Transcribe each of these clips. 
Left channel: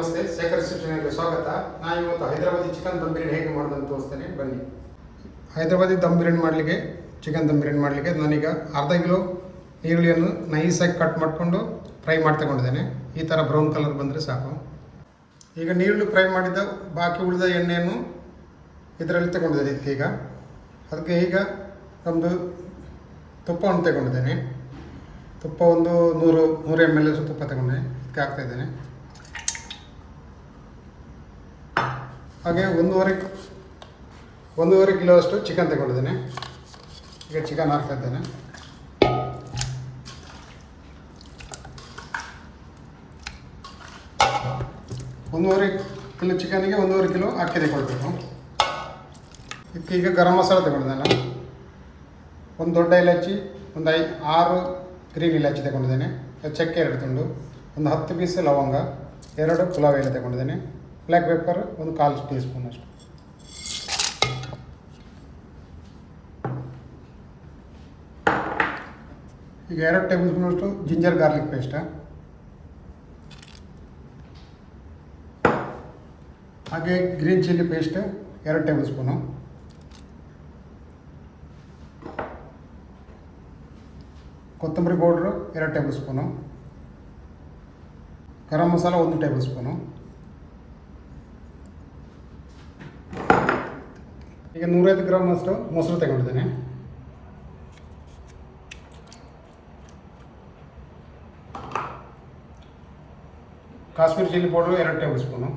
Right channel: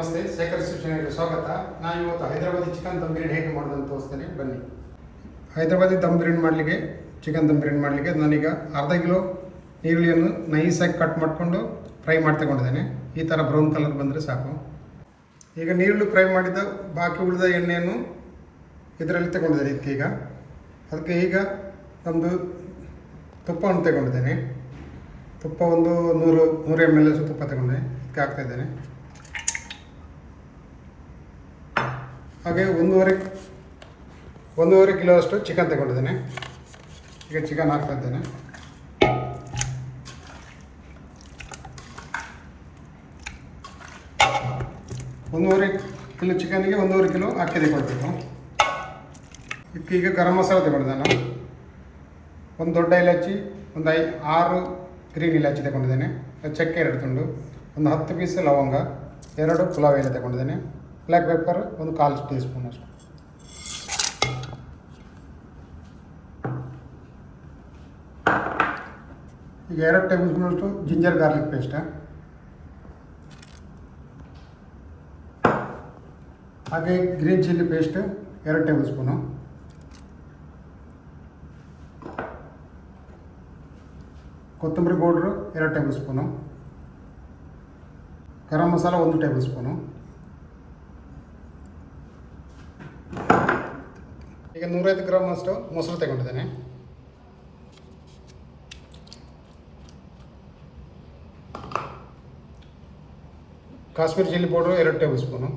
ನಮಸ್ತೆ, ಶೇಖರ್ ಚಾನೆಲ್ಗೆ ಸ್ವಾಗತ. ನಾನು ಇವತ್ತು ಹೈದರಾಬಾದಿ ಚಿಕನ್ ದಮ್ ಬಿರಿಯಾನಿ ಹೇಗೆ ಮಾಡೋದು ಅಂತ ತೋರಿಸ್ತೇನೆ. ಬನ್ನಿ. ಹೈದರಾಬಾದಿ ದಮ್ ಬಿರಿಯಾನಿ ಮಾಡಲಿಕ್ಕೆ, ಚಿಕನ್ ದಮ್ ಬಿರಿಯಾನಿ ಮಾಡಲಿಕ್ಕೆ ನಾನೀಗ ಅರ್ಧ ಕಿಲೋ ಈರುಳ್ಳಿಯನ್ನು ನೈಸಾಗಿ ಕಟ್ ಮಾಡಿಕೊಂಡು ಫ್ರೈ ಮಾಡಿ ತಗೊಂಡಿದ್ದೇನೆ. ಈ ಥರ ಬ್ರೌನ್ ಕಲರ್ ಬಂದರೆ ಸಾಕು. ಈಗ ನೀರುಳ್ಳಿ ಫ್ರೈ ಮಾಡಿದ ಬಾಕಿ ಉಳಿದ ಎಣ್ಣೆಯನ್ನು ಇದರಲ್ಲಿ ತಗೊಂಡಿದ್ದೇನೆ ಇದಕ್ಕೆ ಈಗ. ಅದಕ್ಕೆ ಈಗ ನಮ್ಮದು ತುಪ್ಪವನ್ನು ತಗೊಂಡಿದ್ದೇನೆ. ತುಪ್ಪ ಒಂದು ನೂರು ನೂರು ಎಂ ಎಲ್ ತುಪ್ಪ ತಗೊಂಡೆ. ಇದಕ್ಕೆ ಹಾಕ್ತಾ ಇದ್ದೇನೆ ಹಾಗೆ ಒಂದೂವರೆ ಒಂದೂವರೆ ಕಿಲೋ ಅಷ್ಟು ಚಿಕನ್ ತಗೊಂಡಿದ್ದೇನೆ. ಈಗ ಚಿಕನ್ ಹಾಕ್ತಾ ಇದ್ದೇನೆ. ಒಂದೂವರೆ ಕಿಲೋ ಚಿಕನ್ಗೆ ಒಂದೂವರೆ ಕಿಲೋ ಅಕ್ಕಿ ತಗೊಳ್ಬೇಕು ಇದಕ್ಕೆ ಈಗ ಗರಂ ಮಸಾಲ ತಗೊಂಡಿದ್ದೇನೆ ಒಂದು ದೊಡ್ಡ ಇಲಾಚಿ, ಒಂದು ಐ, ಆರು ಗ್ರೀನ್ ಇಲಾಚಿ ತಗೊಂಡಿದ್ದೇನೆ. ಚಕ್ಕೆ ಎರಡು ತುಂಡು, ಒಂದು ಹತ್ತು ಪೀಸ್ ಲವಂಗ, ಎರಡು ಪುಲಾವ್ ಎಲೆ ತಗೊಂಡಿದ್ದೇನೆ. ಬ್ಲ್ಯಾಕ್ ಪೆಪ್ಪರ್ ಒಂದು ಕಾಲು ಟೀ ಸ್ಪೂನ್ ಅಷ್ಟು ಈಗ ಎರಡು ಟೇಬಲ್ ಸ್ಪೂನ್ ಅಷ್ಟು ಜಿಂಜರ್ ಗಾರ್ಲಿಕ್ ಪೇಸ್ಟ್ ಹಾಗೆ ಗ್ರೀನ್ ಚಿಲ್ಲಿ ಪೇಸ್ಟ್ ಎರಡು ಟೇಬಲ್ ಸ್ಪೂನು ಕೊತ್ತಂಬರಿ ಪೌಡ್ರು ಎರಡು ಟೇಬಲ್ ಸ್ಪೂನು ಗರಂ ಮಸಾಲ ಒಂದು ಟೇಬಲ್ ಸ್ಪೂನು ಈಗ ನೂರೈದು ಗ್ರಾಮ್ ಅಷ್ಟು ಮೊಸರು ತಗೊಂಡಿದ್ದೇನೆ. ಕಾಶ್ಮೀರಿ ಚಿಲ್ಲಿ ಪೌಡ್ರು ಎರಡು ಟೇಬಲ್ ಸ್ಪೂನು.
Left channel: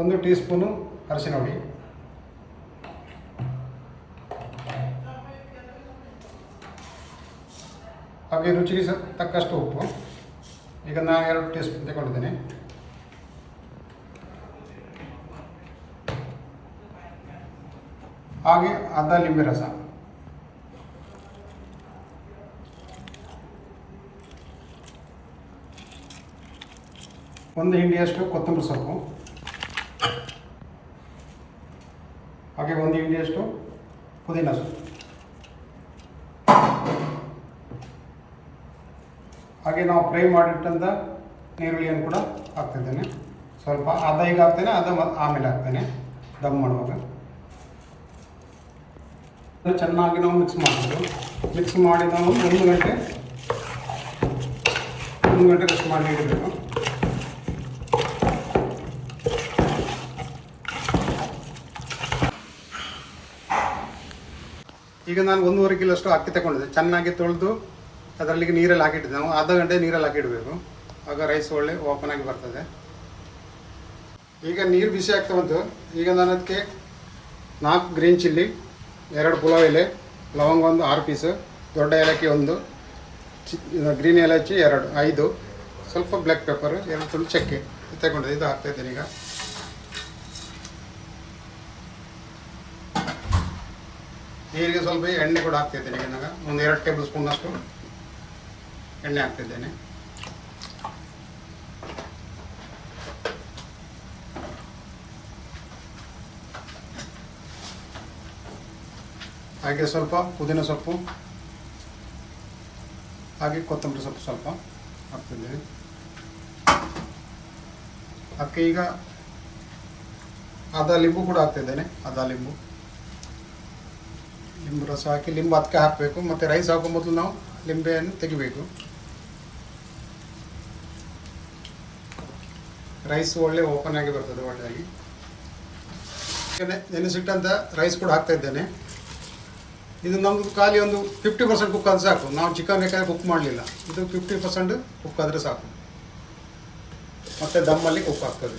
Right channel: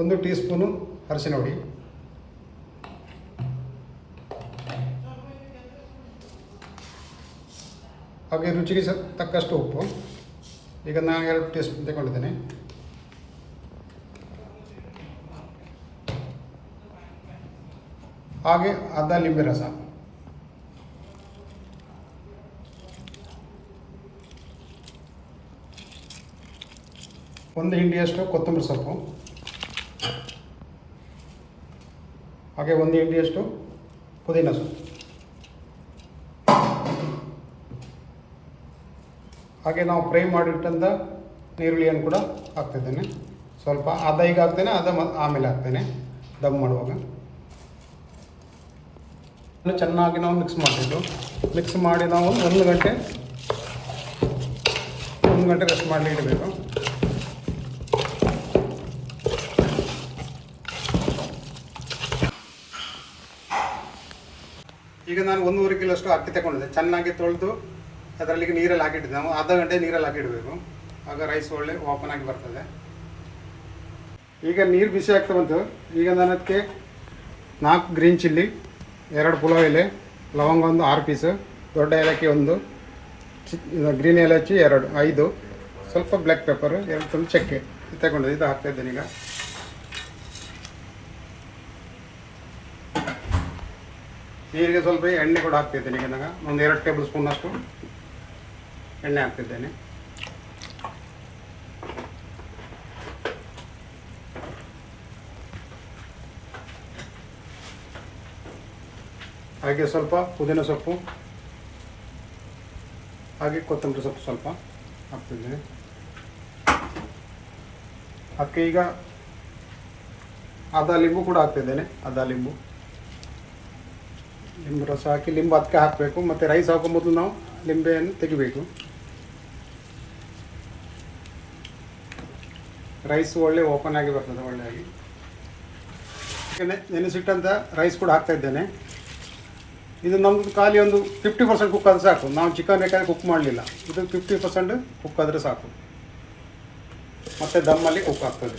ಒಂದು ಟೀ ಸ್ಪೂನು ಅರಿಶಿನ ಹುಡಿ ಹಾಗೆ ರುಚಿಗೆ ತಕ್ಕಷ್ಟು ಉಪ್ಪು. ಈಗ ನಾನು ಎರಡು ಟೀ ಸ್ಪೂನ್ ತಗೊಂಡಿದ್ದೀನಿ. ಹಾಗೆ ಅರ್ಧ ಲಿಂಬೆ ರಸ. ಒಂದು ಹಿಂಡಿಯಷ್ಟು ಕೊತ್ತಂಬರಿ ಸೊಪ್ಪು. ಹಾಗೆ ಒಂದು ಹಿಂಡಿಯಷ್ಟು ಪುದೀನ ಸೊಪ್ಪು. ಹಾಗೆ ನಾವು ಫ್ರೈ ಮಾಡಿಟ್ಟಂಥ ನೀರುಳ್ಳಿಯನ್ನು ಕೂಡ ಹಾಕ್ತಿದ್ದೇನೆ. ಸ್ವಲ್ಪ ಅದ ಈಗ ಹಾಕ್ತೇನೆ, ಅದ ಆಮೇಲೆ ಹಾಕ್ತೇನೆ. ದಮ್ ಮಾಡುವಾಗ. ಚೆನ್ನಾಗಿ ನಾವು ಮಿಕ್ಸ್ ಮಾಡಬೇಕು ಮಿಕ್ಸ್ ಮಾಡಿ ನಾವು ಒಂದು ಗಂಟೆ ಒಂದು ಗಂಟೆ ರೆಸ್ಟ್ ಮಾಡಿ ಇಡಬೇಕು. ಈಗ ನಾನು ಒಂದೂವರೆ ಕಿಲೋ ಅಷ್ಟು ಅಕ್ಕಿ ತಗೊಂಡಿದ್ದೆ. ಚೆನ್ನಾಗಿ ತೊಳೆದು ಅದರಲ್ಲಿ ನೀರಲ್ಲಿ ಹಾಕಿಟ್ಟಿದ್ದೆ ನಾವು ಅರ್ಧ ಗಂಟೆ ನೀರಲ್ಲಿ ಹಾಕಿಡಬೇಕು. ಆಗ ರೈಸ್ ಒಳ್ಳೆ ಓಪನ್ ಆಗಿ ಬರ್ತದೆ. ಈಗ ನೀರು ಬಿಸಿ ಆಗ್ತಾ ಬಂತು. ಈಗ ನಾನು ಅದಕ್ಕೆ ನಾಲ್ಕು ಗ್ರೀನ್ ಚಿಲ್ಲಿ ಎರಡು ಪುಲಾವ್ ಎಲೆ, ಲವಂಗ ಒಂದು ಆರು ಪೀಸು ದೊಡ್ಡ ಏಲಕ್ಕಿ ಒಂದು, ಚಿ ಗ್ರೀನ್ ಏಲಕ್ಕಿ ಎರಡು, ಐದು, ಸ್ವಲ್ಪ ಬ್ಲ್ಯಾಕ್ ಪೆಪ್ಪರ್ ಎರಡು ಸ್ವಲ್ಪ ಚಕ್ಕೆ ತಗೊಂಡಿದ್ದೆ ಇದು ಹಾಕ್ತಾ ಇದ್ದೀನಿ ಈಗ. ನೀರಿಗೆ ಸ್ವಲ್ಪ ಎಣ್ಣೆ ಕೂಡ ಹಾಕ್ತಿದ್ದೇನೆ ಈಗ ನಾನು. ಒಂದು ಎರಡು ಟೇಬಲ್ ಸ್ಪೂನ್ ಅಷ್ಟು. ಎಣ್ಣೆ ಹಾಕ್ತಿದ್ದೇನೆ. ಹಾಗೆ ಸ್ವಲ್ಪ ಪುದೀನ ಸೊಪ್ಪು, ಹಾಗೆ ಕೊತ್ತಂಬರಿ ಸೊಪ್ಪು ಸ್ವಲ್ಪ ಹಾಕ್ತಿದ್ದೇನೆ. ಅದಕ್ಕೆ ಈಗ ಅದ ಲಿಂಬು ಕೂಡ ಹಾಕ್ತಿದ್ದೇನೆ ಅದ ಲಿಂಬು. ಲಿಂಬು ರಸ ಹಾಕಿ, ಲಿಂಬು ಅದಕ್ಕೆ ಹಾಕಬೇಕು, ಮತ್ತು ರೈಸ್ ಹಾಕೋ ಮೊದಲು ನಾವು ಲಿಂಬೆಯನ್ನು ತೆಗಿಬೇಕು. ರೈಸ್ ಒಳ್ಳೆ ಓಪನ್ ಆಗಿ ಬರ್ತದೆ ಒಳ್ಳೆಯಾಗಿ ನೆನೆಸಿಟ್ಟಂತ ರೈಸ್ ಕೂಡ ಹಾಕ್ತಾ ಇದ್ದೇನೆ. ಇದು ನಮ್ಮದು ಖಾಲಿ ಒಂದು ಫಿಫ್ಟಿ ಪರ್ಸೆಂಟ್ ಕುಕ್ ಆದರೆ ಸಾಕು. ನಾವು ಚಿಕನ್ ಬೇಕಾದ್ರೆ ಕುಕ್ ಮಾಡಲಿಲ್ಲ. ಇದು ಫಿಫ್ಟಿ ಪರ್ಸೆಂಟ್ ಕುಕ್ ಆದರೆ ಸಾಕು. ಮತ್ತು ದಮ್ಮಲ್ಲಿ ಕುಕ್ ಆಗ್ತದೆ.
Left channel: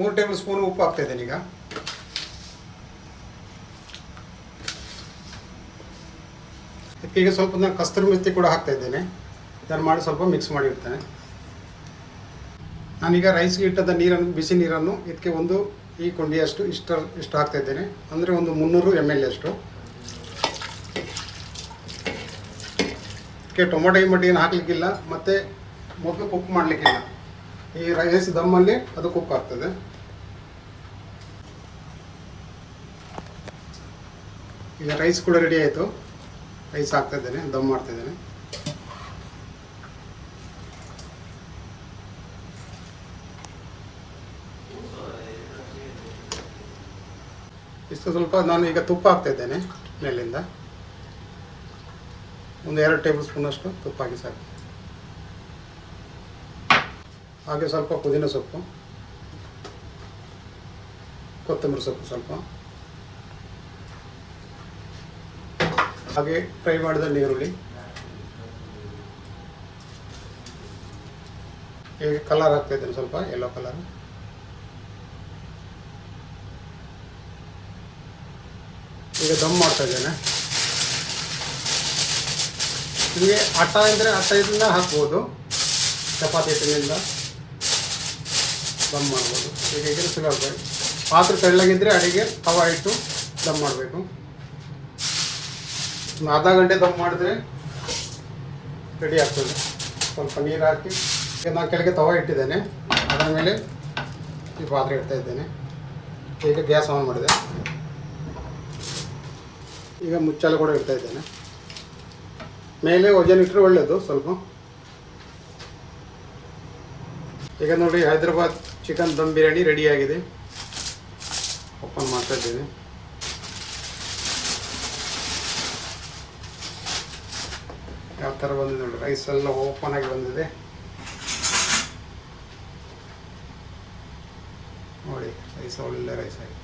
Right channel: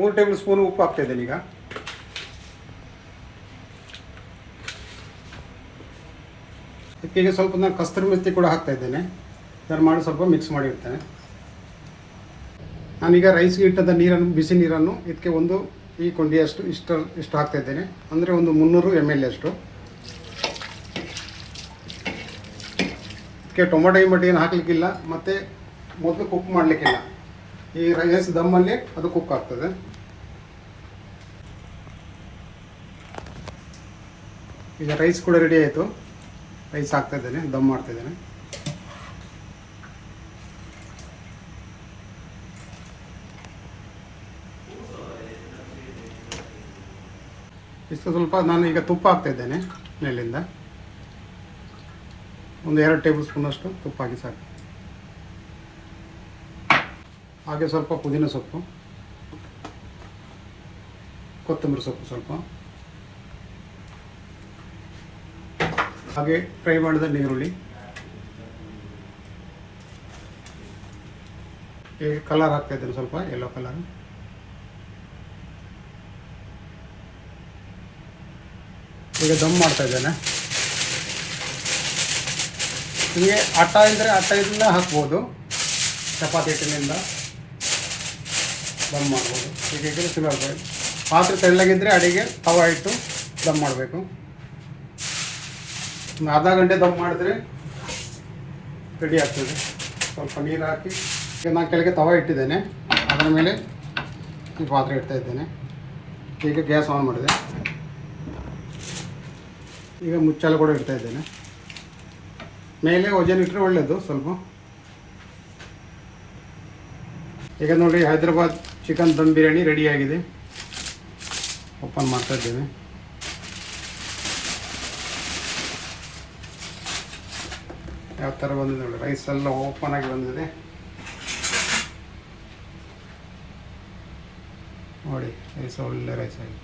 ಮೂರು ಟೇಬಲ್ ಸ್ಪೂನ್ ಉಪ್ಪು ಹಾಕ್ತಾ ಇದ್ದೇನೆ ಈಗ. ಇದಕ್ಕೆ ಈಗ ಸ್ವಲ್ಪ ನಾನು ಕಸ್ತೂರಿ ಮೆತ್ತಿ ಕೂಡ ಹಾಕ್ತಾ ಇದ್ದೇನೆ. ಇದನ್ನು ಮಾಡಿ ಸ್ವಲ್ಪ ಮಿಕ್ಸ್ ಮಾಡಿರ್ತೇನೆ ನಾನೀಗ ರೈಸ್ಗೆ ಇಟ್ಟಂಥ ನೀರನ್ನು, ಬಿಸಿ ನೀರನ್ನು ಇದಕ್ಕೆ ಒಂದು ಈ ಕೊಂಡಿಯಷ್ಟು ಇಷ್ಟು ಇಷ್ಟು ಹಾಕ್ತಾ ಇದ್ದೇನೆ. ಅಂದರೆ ಒಂದು ಮುನ್ನೂರು ಎಂ ಎಲ್ ಅಷ್ಟು. ಇದಕ್ಕೆ ಟೊಮೊಟೊ, ಈ ಮಟ್ಟಿಗೆ ಹಾಕಲಿಕ್ಕಿಲ್ಲ. ಮತ್ತು ಮೊದಲು ಕುಕ್ ಮಾಡಲಿಕ್ಕಿಲ್ಲ. ಈ ರೈಸ್ ದಮ್ಮಲ್ಲಿ ಅದು ಕುಕ್ ಆಗ್ತದೆ. ಇಲ್ಲ ರೈಸ್ ಕೂಡ ರೆಡಿ ಆಯಿತು. ರೈಸ್ ಹಾಕ್ತಾ ಇದ್ದೇನೆ ದಮ್ ಮಾಡ್ತಾ ಇದ್ದೇನೆ ಇಷ್ಟು ಸ್ವಲ್ಪ ನಾನು ಈಗ ತುಪ್ಪ ಹಾಕ್ತಾ ಇದ್ದೇನೆ ನೆಲ್ಲಿಂದ ಒಂದು ಎರಡು ಟೇಬಲ್ ಸ್ಪೂನಷ್ಟು ತುಪ್ಪ ಹಾಕಿ ಸಾಕು. ಹಾಗೆ ಸ್ವಲ್ಪ ಪುದೀನ ಸೊಪ್ಪು, ಕೊತ್ತಂಬರಿ ಸೊಪ್ಪು ಸ್ವಲ್ಪ. ಹಾಗೆ ಫ್ರೈ ಮಾಡಿದ ನೀರುಳ್ಳಿ. ಹೀಗೆ ಕಲರ್ ಹಾಕ್ತಾ ಇದ್ದೀನಿ ಸ್ವಲ್ಪ ಎಲ್ಲೋ ಕಲರ್ ಈಗ ದಮ್ ಮಾಡ್ತಾ ಇದ್ದೇನೆ. ಹೀಗೆ ಆಟ ಇದ್ದರೆ ಇದರಿಂದ ಹಾಕ್ಬೋದು. ಚಪಾತಿ ಹಿಟ್ಟಿನಿಂದ ದಮ್ ಮಾಡ್ಬೋದು. ಈಗ ಇದ್ರೆ ಸಿಗಬೇಕು ಪಾತ್ರೆ ತೆಳ್ಳಗಿದ್ರೆ ಅಡಿಗೆ ಹವಾ ಇಟ್ಟು ದಮ್ ಮಾಡಬೇಕು. ಅರ್ಧ ಗಂಟೆ ದಮ್ ಮಾಡಿದ್ರೆ ರೆಡಿ ಆಗ್ತದೆ. ಸ್ವಲ್ಪ ನೀರು ಹಾಕಿ ನಾನು ಕೆಳಗೆ ತವ ಇಟ್ಟಿದ್ದೇನೆ. ಆಮೇಲೆ ಈ ಪಾತ್ರೆ ಇಡ್ತಾ ಇದ್ದೇನೆ. ಈಗ ಗ್ಯಾಸ್ ಆನ್ ಮಾಡಿದೆ. ಈಗ ಮುಚ್ಚಳ ಕೂಡ ಇಡ್ತಾ ಇದ್ದೇನೆ. ಮೇಲೆ ವಜನ್ ಇಟ್ಟರೆ ಒಳ್ಳೆಯದು ಸ್ವಲ್ಪ. ಈಗ ನೋಡಿ ಹೈದರಾಬಾದ್ ಚಿಕನ್ ದಮ್ ಬಿರಿಯಾನಿ ರೆಡಿಯಾಗಿದೆ ಓಪನ್ ಮಾಡ್ತಾ ಇದ್ದೀನಿ. ಯಾವ ಥರ ಬಂದಿದೆ ನೋಡಿ. ರೈಸ್ ಎಲ್ಲ ಓಪನ್ ಆಗಿ ಬಂದಿದೆ. ನೋಡಿ ರೈಸ್ ಒಳ್ಳೆ ರೈಸ್ ಆಗಿದೆ.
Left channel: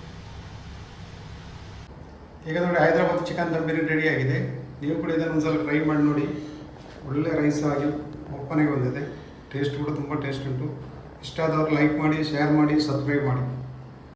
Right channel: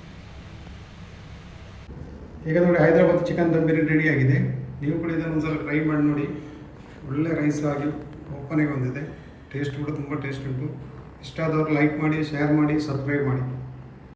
ಈಗ ನೋಡಿ, ಹೈದರಾಬಾದ್ ಚಿಕನ್ ದಮ್ ಬಿರಿಯಾನಿ ರೆಡಿ ಆಗಿದೆ. ನೀವು ಕೂಡ ಇದನ್ನು ಒಂದ್ಸಲ ಟ್ರೈ ಮಾಡಿ ನೋಡಿ. ಒಳ್ಳೆ ರೈಸ್ ಆಗಿ ಓಪನ್ ಆಗಿ ಬಂದಿದೆ. ಟೇಸ್ಟ್ ಕೂಡ ತುಂಬ ಟೇಸ್ಟ್ ಉಂಟು. ಇಷ್ಟ ಆದವರು ಲೈಕ್ ಮಾಡಿ ಶೇರ್ ಮಾಡಿ ಸಬ್ಸ್ಕ್ರೈಬ್ ಮಾಡಿ.